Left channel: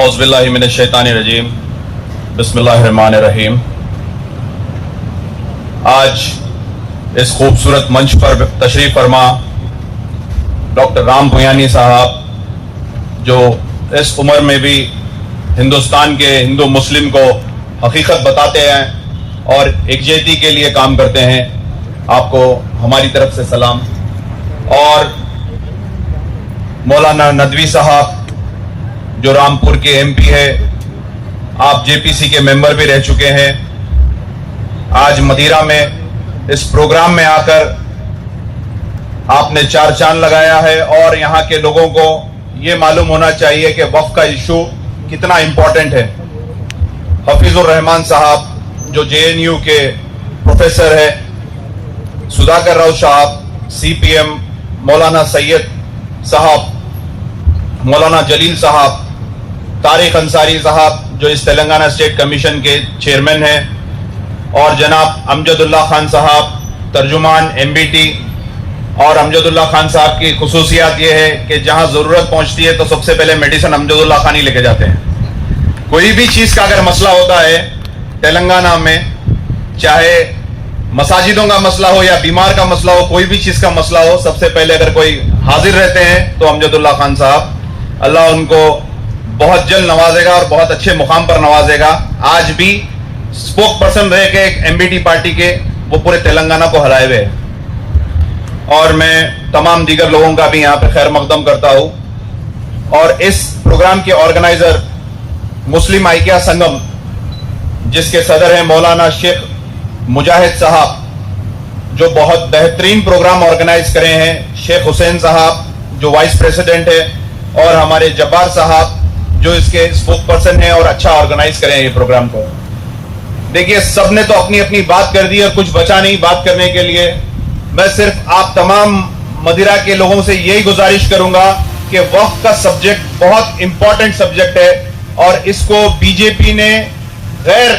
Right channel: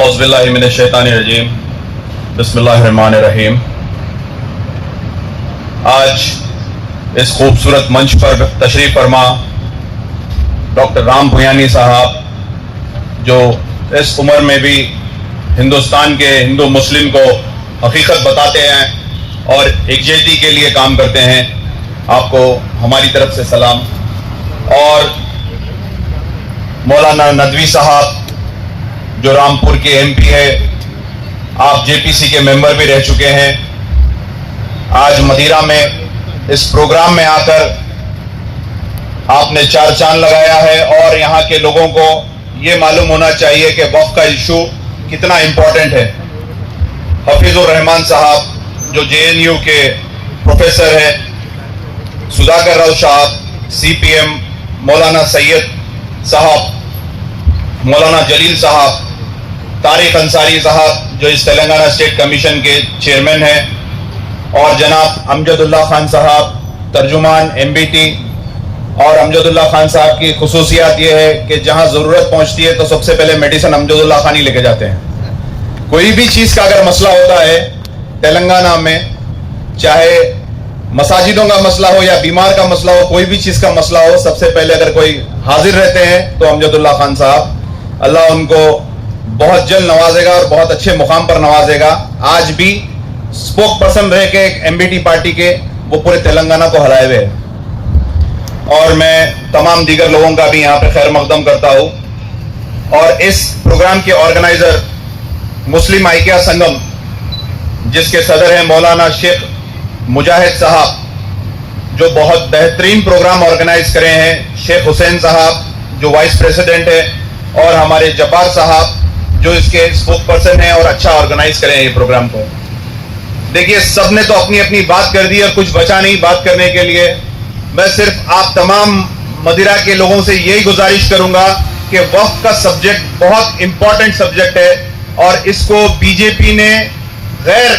औज़ुबिल्लाहि मिनश्शैतानिर्रजीम बिस्मिल्लाहिर्रहमानिर्रहीम। आज इस खूबसूरत मंच पर तशरीफ फरमा डॉक्टर राम भुयानी साहब, जो इस उम्र में भी हिंदुस्तान के हिंदू मुस्लिम को हकीकत बताते हैं और एकजुटता के लिए काम करते हैं, आपको हमारी तरफ से सलाम। और मौलाना नदवी साहब, जो रामपुर के एमपी है, आप जेपीसी के मेंबर भी रह चुके हैं, आज मदिरा में इस प्रोग्राम में आकर आपने चार चांद लगाया है। और यहाँ के लोगों को ये मालूम होना चाहिए कि वक्फ का इशू कितना इंपॉर्टेंट है। हफीजुर रहमान साहब, जो जेएनयू के प्रोफेसर है, सुधाकर राव साहब, सीपीएम, मौलाना सैयद साहब, मौलाना जलील साहब, तारिक अंसारी साहब, जो इस तेलंगाना स्टेट कमीशन के चेयरमैन हैं, और जनाब अमजदुल्ला खान साहब, तर्जुमान एमबीटी। और अमजदुल्ला खान साहब की खुसूसियात ये है कि जहां जरूरत पहुंचती है तो सबसे पहले मेडिसिन अमजदुल्ला खान ही लेके जाते हैं। कोई भी चीज का अगर मसला होता है तेलंगाना में, चाहे मसाजिदों का मसला हो या बीमार का मसला हो, कोई भी चीज का मसला हो, सबसे पहले अगर कोई हाजिर रहते हैं तो अमजदुल्ला खान साहब। अल्लाह उनको बहुत जल्द नवाजेगा और बहुत अच्छे मुकाम पर नवाजेगा। आज भी स्पोक पर्सन रह के एक एमबीटी पार्टी के वो पूरे तेलंगाना को हराए हुए हैं। और मैं तमाम दीगर लोगों का भी यहाँ पे खैर मकदम करता हूँ। और इस प्रोग्राम के ऑर्गेनाइजर मुस्लिम आइकिया संगम, जिसके सदर हैं मौलाना शेख मुजाहिद साहब, जो बहुत बेहतरीन प्रोग्राम ऑर्गेनाइज करे हैं, शेख हुसैन साहब जो वाइस प्रेसिडेंट है, और हमारे जब्बार साहब जो इसके स्पोक पर्सन है और अच्छा ऑर्गेनाइज करे हैं ये प्रोग्राम को। देखिए, सबने तो अपनी अपनी बात कर दी और कुछ बचा नहीं बात करने के लिए। मैं सिर्फ आप तमाम मदिरा के लोगों से यही गुजारिश करूंगा कि वक्फ का सब्जेक्ट बहुत इंपॉर्टेंट सब्जेक्ट है और इसको बीजेपी ने गैर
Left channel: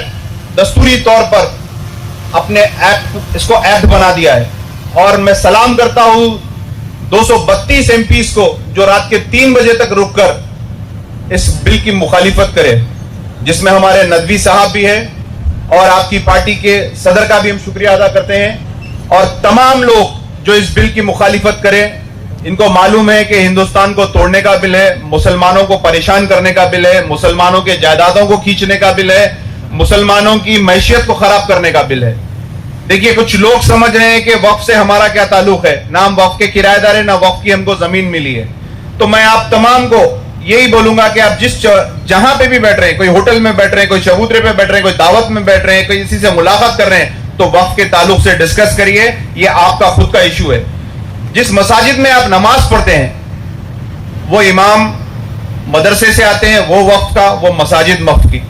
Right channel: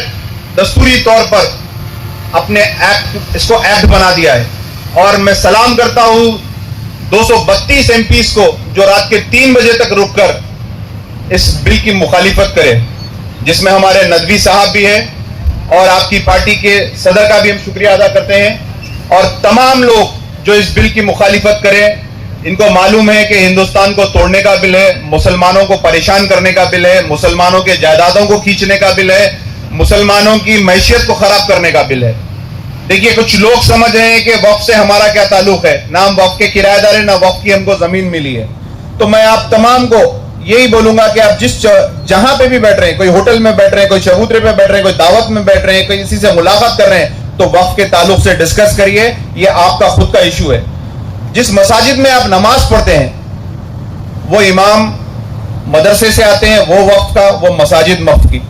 दस्तूरी तौर पर अपने इसको एक्ट बना दिया है। और मैं सलाम करता हूं 232 एमपीस को जो रात के 3 बजे तक रुककर इस बिल की मुखालिफत करे, जिसमें हमारे नदवी साहब भी हैं और आपकी पार्टी के सदर का भी हम शुक्रिया अदा करते हैं। और तमाम लोग जो इस बिल की मुखालिफत करें, इनको मालूम है कि हिंदुस्तान को तोड़ने का बिल है, मुसलमानों को परेशान करने का बिल है, मुसलमानों के जायदादों को खींचने का बिल है, मुसलमानों की मैशियत को खराब करने का बिल है। देखिए, कुछ लोग समझ रहे हैं कि वक्फ से हमारा क्या ताल्लुक है, ना हम वक्फ के किराएदार है, ना वक्फ की हमको जमीन मिली है। तो मैं आप तमाम को यही बोलूंगा कि आप जहां पे भी बैठ रहे हैं, कोई होटल में बैठ रहे हैं, कोई चबूतरे पे बैठ रहे हैं, कोई दावत में बैठ रहे हैं, कोई किसी से मुलाकात कर रहे हैं, तो वक्फ के ताल्लुक से डिस्कस करिए। ये आपका खुद का इशू है। जिस मसाजिद में आप नमाज पढ़ते हैं वो इमाम मदरसे से आते हैं, वो वक्फ का, वो मसाजिद वक्फ की।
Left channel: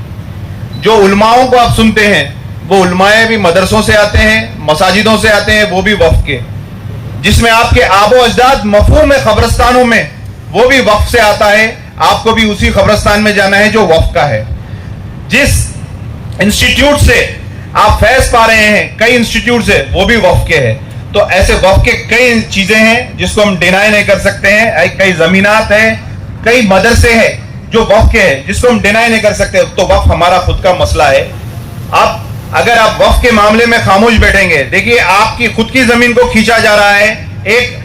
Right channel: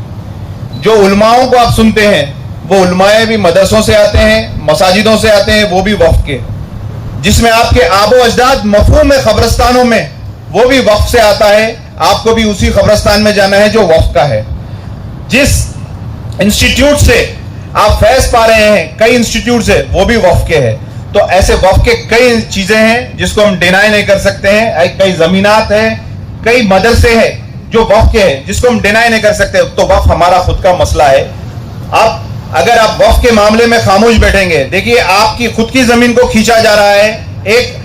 जो उलमाओं को आप सुनते हैं वो उलमाए भी मदरसों से आते हैं, मसाजिदों से आते हैं, वो भी वक्फ के। जिसमें आपके आबो अजदाद मफहूम है कब्रिस्तानों में, वो भी वक्फ से आता है। आपको भी उसी कब्रिस्तान में जाना है जो वक्फ का है। जिस इंस्टीट्यूट से आप फैज पा रहे हैं, कई इंस्टीट्यूट से, वो भी वक्फ के है। तो ऐसे वक्फ के कई चीजें हैं जिसको हम डिनाई नहीं कर सकते हैं। कई जमीनात है, कई मदरसे हैं जो वक्फ के हैं जिसको हम डिनाई नहीं कर सकते। तो वक्फ हमारा खुद का मसला है। आप अगर आप वक्फ के मामले में खामोश बैठेंगे, देखिए आपकी खुद की जमीन को खींचा जा रहा है एक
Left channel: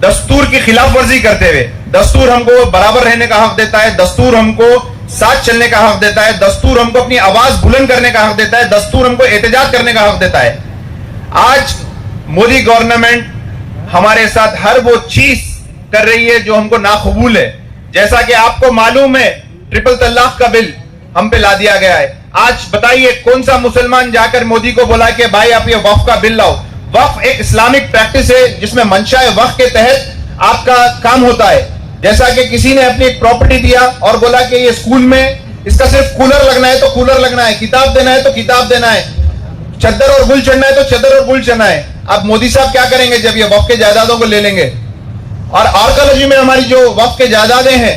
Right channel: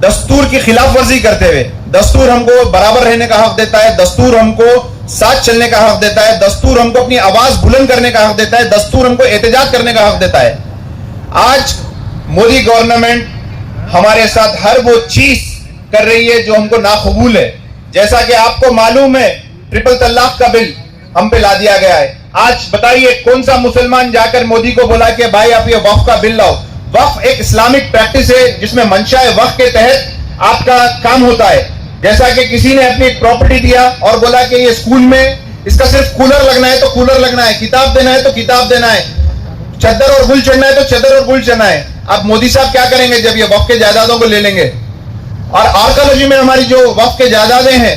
दस्तूर की खिलाफ वर्जी करते हुए। दस्तूर हमको बराबर रहने का हक देता है, दस्तूर हमको साथ चलने का हक देता है, दस्तूर हमको अपनी आवाज बुलंद करने का हक देता है, दस्तूर हमको एहतजाज करने का हक देता है। आज मोदी गवर्नमेंट हमारे साथ हर वो चीज कर रही है जो हमको नाकबूल है। जैसा कि आपको मालूम है, ट्रिपल तलाक का बिल हम पे ला दिया गया है। आज बताइए कौन सा मुसलमान जाकर मोदी को बोला कि भाई आप ये वक्फ का बिल लाओ। वक्फ एक इस्लामिक प्रैक्टिस है जिसमें मंशा वक्फ के तहत आपका काम होता है। जैसा कि किसी ने अपनी एक प्रॉपर्टी दिया और बोला कि ये स्कूल में इसका सिर्फ कूलर लगना है तो कूलर लगना है, किताब देना है तो किताब देना है, चद्दर और गुल चढ़ना है तो चद्दर और गुल चढ़ना है। अब मोदी साहब क्या करेंगे जब ये वक्फ के जायदादों को ले लेंगे? और आर्कोलॉजी में हमारी जो वक्फ के जायदादें हैं,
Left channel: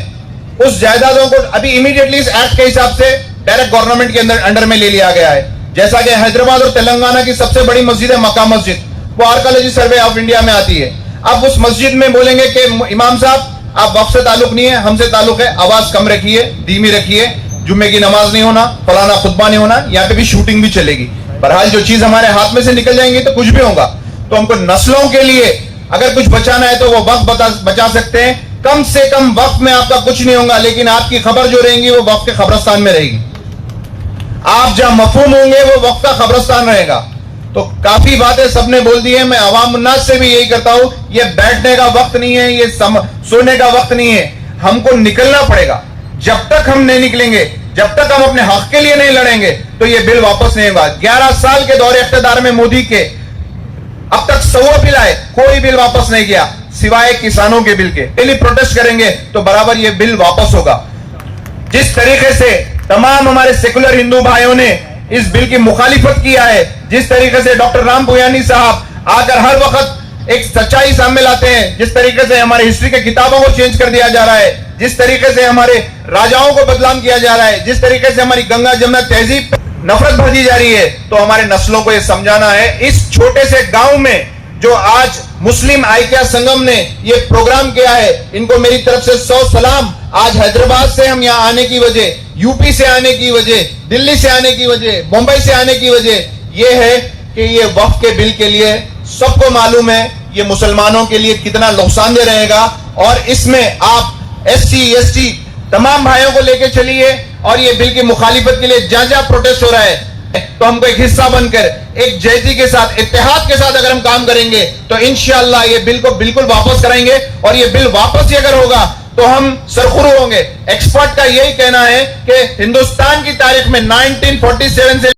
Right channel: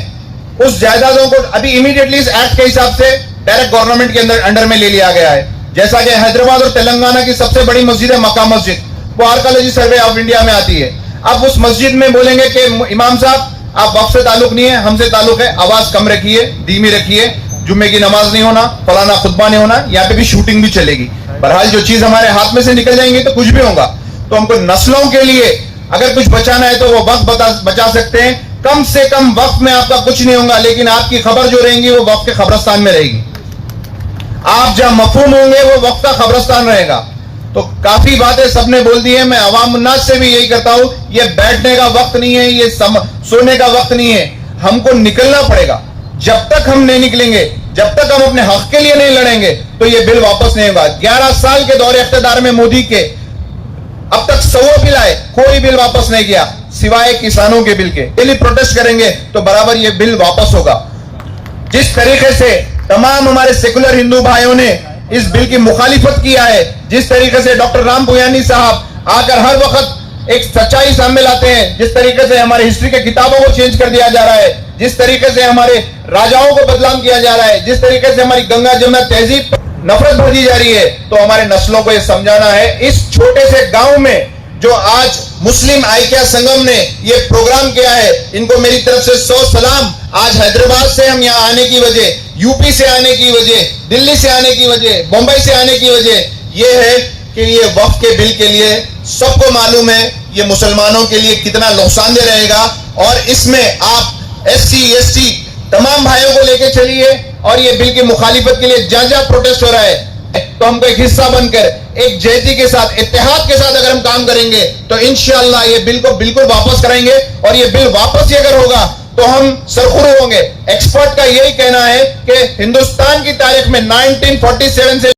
उस जायदादों को अभी इमीडिएटली इस एक्ट के हिसाब से डायरेक्ट गवर्नमेंट के अंडर में ले लिया गया है। जैसा कि हैदराबाद और तेलंगाना की सबसे बड़ी मस्जिद है मक्का मस्जिद, वो आर्कोलॉजी सर्वे ऑफ इंडिया में आती है। अब उस मस्जिद में बोलेंगे कि इमाम साहब आप वक्त से ताल्लुक नहीं है, हमसे ताल्लुक है, आवाज कम रखिए, धीमी रखिए, जुम्मे की नमाज नहीं होना, फलाना खुतबा नहीं होना, यहाँ पे भी शूटिंग भी चलेगी। बहरहाल जो चीज हमारे हाथ में से निकल जाएंगी तो कुछ भी होगा। तो हमको नस्लों के लिए अगर कुछ बचाना है तो वो वक्त बचा सकते हैं। कम से कम वक्त में आपका कुछ नहीं होगा, लेकिन आपकी खबर जो रहेंगी वो वक्त के खबरस्तान में रहेगी। आप जहां मफहूम होंगे वो वक्त का खबरस्तान रहेगा। तो काफी बातें सबने बोल दी है। मैं अवाम उन्नास से भी यही करता हूं, ये बैठने का वक्त नहीं है, ये सोने का वक्त नहीं है। हमको निकलना पड़ेगा। जब तक हम नहीं निकलेंगे, जब तक हम अपने हक के लिए नहीं लड़ेंगे, तो ये बिल वापस नहीं होगा। 11 साल के दौरे इख्तियार में मोदी के अब तक 100 बिल आए, कोई बिल वापस नहीं किया सिवाय किसानों के बिल के। डेली प्रोटेस्ट करेंगे तो बराबर ये बिल वापस होगा। जिस तरीके से तमाम हमारे सेकुलर हिंदू भाइयों ने इस बिल की मुखालिफत किया है, जिस तरीके से डॉक्टर राम पुयानी साहब आकर हर वक्त एक सच्चाई सामने लाते हैं, जिस तरीके से हमारे हिस्ट्री के किताबों को चेंज कर दिया जा रहा है, जिस तरीके से हमारे राजाओं को बदनाम किया जा रहा है, जिस तरीके से हमारी गंगा जमुना तहजीब नफरत भर दी जा रही है, तो हमारे नस्लों को यह समझाना है। इस छोटे से गांव में जो आज मुस्लिम आइक्या संगम ने ये प्रोग्राम किया है, इनको मेरी तरफ से 100 सलाम। आज हैदराबाद से हम यहाँ आने की वजह, यूपी से आने की वजह, दिल्ली से आने की वजह, बम्बई से आने की वजह ये है कि ये वक्फ के बिल के लिए सबको मालूम है ये मुसलमानों के लिए कितना नुकसानदेह रहेगा। और इसमें आप SC ST तमाम भाइयों को लेकर चलिए और ये बिल की मुखालिफत के लिए जहां जहां प्रोटेस्ट हो रहा है, तो हमको एक हिस्सा बनकर एक जहती के साथ, इत्तेहाद के साथ अगर हम काम करेंगे तो इंशाअल्लाह ये बिल को बिल्कुल वापस कराएंगे। और ये बिल वापस ही अगर होगा तो हम सरखुरू होंगे। एक्सपर्ट का यही कहना है कि हिंदुस्तान की तारीख में 1947 से